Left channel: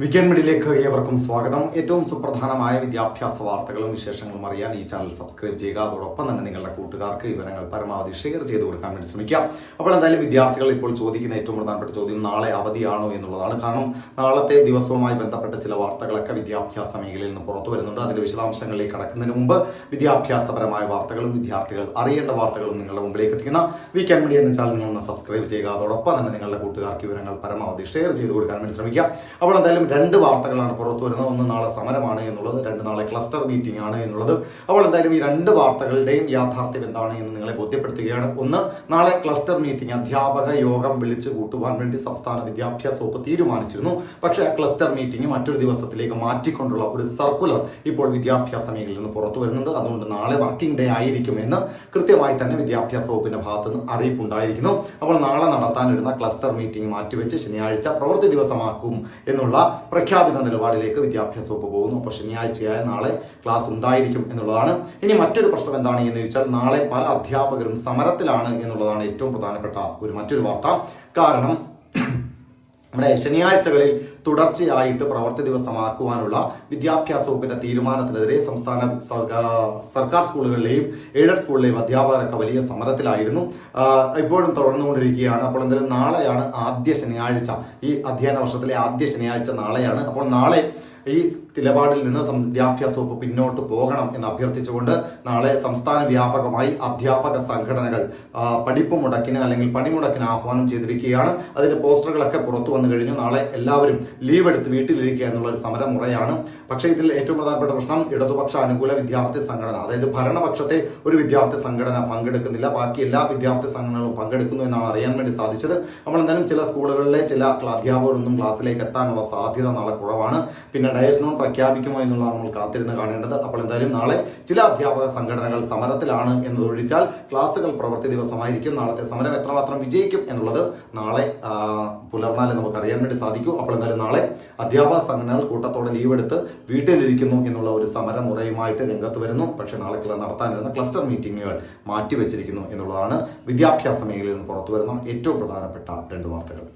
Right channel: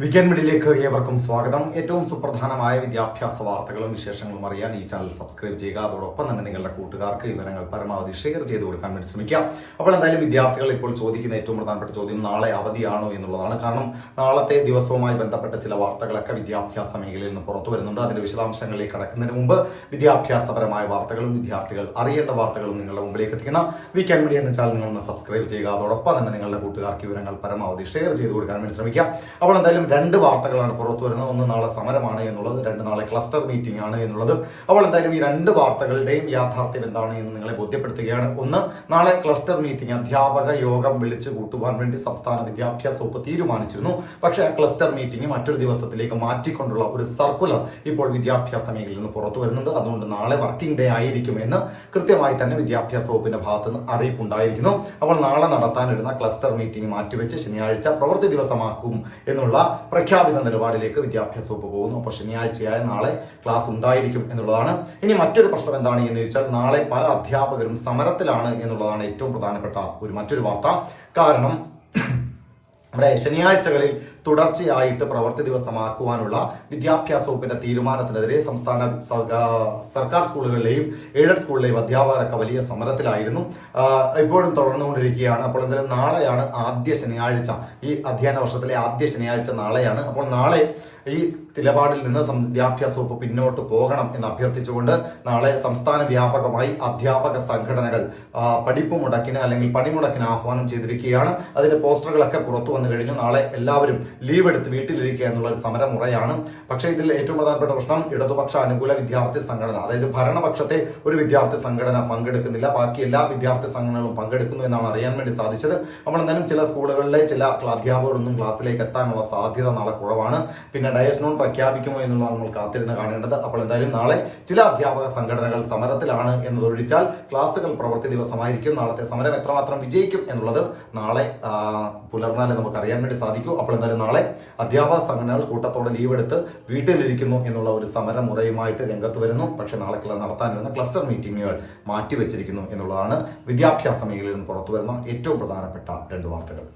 Weekend മിഡിലേക്ക് ഏവർക്കും സ്വാഗതം. ഏറ്റവും സുപ്രധാനമായ വിദ്യാഭ്യാസ വാർത്തകളും വിശേഷങ്ങളും അറിയാൻ ഈ ചാനൽ സബ്സ്ക്രൈബ് ചെയ്യുക. അതോടൊപ്പം തന്നെ നിങ്ങളുടെ കൂട്ടുകാർക്ക് വിവരങ്ങൾ പരമാവധി ഷെയർ ചെയ്ത് കൊടുക്കാൻ വേണ്ടി ശ്രമിക്കുക അപ്പോൾ എന്തായാലും വിദ്യാർത്ഥികൾ ഇപ്പോൾ ചോദിക്കുന്ന ഏറ്റവും പ്രധാനപ്പെട്ട ചോദ്യം നാളെ അവധിയാണോ എന്നുള്ളതാണ്. കാരണം നാളത്തെ ദിവസവുമായി ബന്ധപ്പെട്ട ചില വാർത്തകളൊക്കെ വിദ്യാഭ്യാസ മേഖലയിൽ നിന്ന് പുറത്തു വരുന്നുണ്ട്. അതിന്റെ വിശദാംശങ്ങളിലേക്ക് കടക്കുന്നതിന് മുമ്പ് വിദ്യാഭ്യാസപരമായ വാർത്തകളും വിദ്യാർത്ഥികൾ അറിയേണ്ട വാർത്തകളും നിങ്ങളുടെ മുമ്പിലേക്ക് എത്തിക്കുന്ന വീക്കെൻഡ് മീഡിയ എന്ന ചാനൽ നിങ്ങൾ സബ്സ്ക്രൈബ് ചെയ്യുക. അതോടൊപ്പം തന്നെ നിങ്ങളുടെ കൂട്ടുകാർക്ക് വിവരങ്ങൾ പരമാവധി ഷെയർ ചെയ്ത് കൊടുക്കാൻ വേണ്ടി ശ്രമിക്കുക അപ്പോൾ എന്തായാലും രണ്ട് വാർത്തകളാണ് പുറത്തു വരുന്നത്. ഒന്ന് നാളെ സമരമാണ് എന്നുള്ളത് രണ്ട് നാളെ ക്ലസ്റ്റർ മീറ്റിംഗ് ആണ് എന്നുള്ളത്. അപ്പോൾ എന്തായാലും ഈ രണ്ട് വാർത്തകളുടെയും യാഥാർത്ഥ്യം എന്താണ് എന്ന് നിങ്ങളെ ബോധ്യപ്പെടുത്തുകയാണ്. ഒന്ന് നാളെ ക്ലസ്റ്റർ മീറ്റിംഗ് അധ്യാപക യോഗം വിളിച്ചു കൂട്ടുവാൻ വേണ്ടി സംസ്ഥാന വിദ്യാഭ്യാസ വകുപ്പ് തീരുമാനിച്ചിരുന്നു. പക്ഷേ ആ ക്ലസ്റ്റർ മീറ്റിംഗ് മറ്റൊരു ദിവസത്തിലേക്ക് മാറ്റിക്കൊണ്ടുള്ള ഒരു സർക്കുലർ ഇപ്പോൾ വിദ്യാഭ്യാസ മേഖലയിൽ നിന്ന് പുറത്തു വരുന്നുണ്ട്. അതുകൊണ്ട് നാളെ വർക്കിംഗ് ഡേ ആയിരിക്കുമെന്ന് കൃത്യമായി തന്നെ വിദ്യാഭ്യാസ വകുപ്പിന്റെ ഭാഗത്ത് നിന്ന് അറിയിപ്പുണ്ടായിരിക്കുന്നു. അപ്പോൾ നാളെ നടത്താനിരുന്ന ക്ലസ്റ്റർ മീറ്റിംഗ് മാറ്റിവെച്ച് ശനിയാഴ്ച പ്രവൃത്തി ദിവസമാക്കും എന്നുള്ള പ്രഖ്യാപിത നിലപാടിലേക്ക് വിദ്യാഭ്യാസ വകുപ്പ് പോകുന്നു. അപ്പോൾ ശനിയാഴ്ചയായ നാളെ ക്ലാസ് ഉണ്ടായിരിക്കും എന്നുള്ളതാണ്. ഇനി മറ്റൊരു പ്രശ്നം എന്താണ് എന്ന് ചോദിച്ചാൽ നാളെ പല അധ്യാപകരും സമരത്തിലാണ് എന്നുള്ളതാണ് ഏറ്റവും പ്രധാനപ്പെട്ട ഒരു മറ്റൊരു വാർത്ത. കാരണം നമ്മുടെ ശനിയാഴ്ചകളിൽ തുടർച്ചയായിട്ട് പ്രവൃത്തി ദിവസമാക്കുവാനുള്ള വിദ്യാഭ്യാസ വകുപ്പിന്റെ തീരുമാനത്തിനെതിരെ സംസ്ഥാന സർക്കാ- സർക്കാർ സ്കൂളുകളിലെയും എയ്ഡഡ് സ്കൂളിലെയും അധ്യാപകരൊക്കെ വലിയ സമരത്തിലായിരുന്നു. ഇപ്പോഴും തുടർന്നുകൊണ്ടിരിക്കുകയാണ്. അപ്പോൾ എന്തായാലും നാളെയാണ് ആദ്യ ശനിയാഴ്ച. ഈ അധ്യയന വർഷത്തിലെ ആദ്യ ശനിയാഴ്ച നാളെയാണ്. അപ്പോൾ നാളെ ഈ നിലപാടിൽ നിന്ന് വിദ്യാഭ്യാസ വകുപ്പ് പിന്നോട്ട് പോകണം എന്ന് അഭ്യർത്ഥിച്ചുകൊണ്ട് നാളെ സംസ്ഥാന വ്യാപകമായി അധ്യാപക സംഘടനകൾ പഠിപ്പ് മുടക്കിന് അല്ലെങ്കിൽ പണിമുടക്കിന് ആഹ്വാനം ചെയ്തിരിക്കുകയാണ്. അതിന്റെ പോസ്റ്ററുകളൊക്കെ പുറത്തു വന്നു കഴിഞ്ഞു. നാളെ എല്ലാവരും ലീവ് എടുത്ത് വീട്ടിലിരിക്കുക എന്നുള്ള ഒരു സമരമുറയാണ്. പക്ഷേ ഇതിൽ ഏറ്റവും പ്രധാനപ്പെട്ട പ്രശ്നം ഇടതുപക്ഷ അനുകൂല വിദ്യാർത്ഥി സംഘടന. അതായത് ഭരണപക്ഷത്തെ ഒരു വിദ്യാർത്ഥി സംഘടന പങ്കെടുക്കുന്നില്ല. ബാക്കി എല്ലാ വിദ്യാർത്ഥി സംഘടനകളും പങ്കെടുക്കുന്നു എന്നാണ് അറിയാൻ വേണ്ടി സാധിച്ചത്. അപ്പോൾ എന്തായാലും ചില സ്കൂളുകളിലെ ചില അധ്യാപകരൊന്നും ക്ലാസ്സിലേക്ക് എത്താനുള്ള സാധ്യത നാളെ കുറവാണ്. പിന്നെ ഡയസ് നോൺ പ്രഖ്യാപിക്കുമോ എന്നുള്ളതാണ് നമ്മൾ കാത്തിരുന്ന് കാണേണ്ടത്. അപ്പോൾ എന്തായാലും നാളെ ചില അധ്യാപക സംഘടനകൾ സമരത്തിലാണ് എന്നതൊഴിച്ചാൽ ക്ലാസുകൾ പ്രവൃത്തി ദിവസമായിരിക്കും. നാളത്തെ സമരം എത്രമാത്രം വിജയിക്കും എന്നുള്ളത് നാളെ പുലർന്നാലേ നമുക്ക് അറിയാൻ വേണ്ടി സാധിക്കൂ. അപ്പോൾ എന്തായാലും നാളെ അധ്യാപക സംഘടനകൾ കൂട്ടത്തോടെ ലീവ് എടുത്ത് വീട്ടിലിരിക്കുന്നു എന്നുള്ള ഒരു സമരമുറയുമായിട്ട് രംഗത്ത് വരുന്നു. പക്ഷേ നാളെ നടത്താനിരുന്ന ക്ലസ്റ്റർ മീറ്റിങ്ങുകൾ മാറ്റിവെച്ചിരിക്കുന്നു എന്നുള്ളതാണ് വിദ്യാഭ്യാസ മേഖലയിൽ നിന്ന് പുറത്തു വരുന്ന ഏറ്റവും പ്രധാനപ്പെട്ട രണ്ട് വാർത്തകൾ.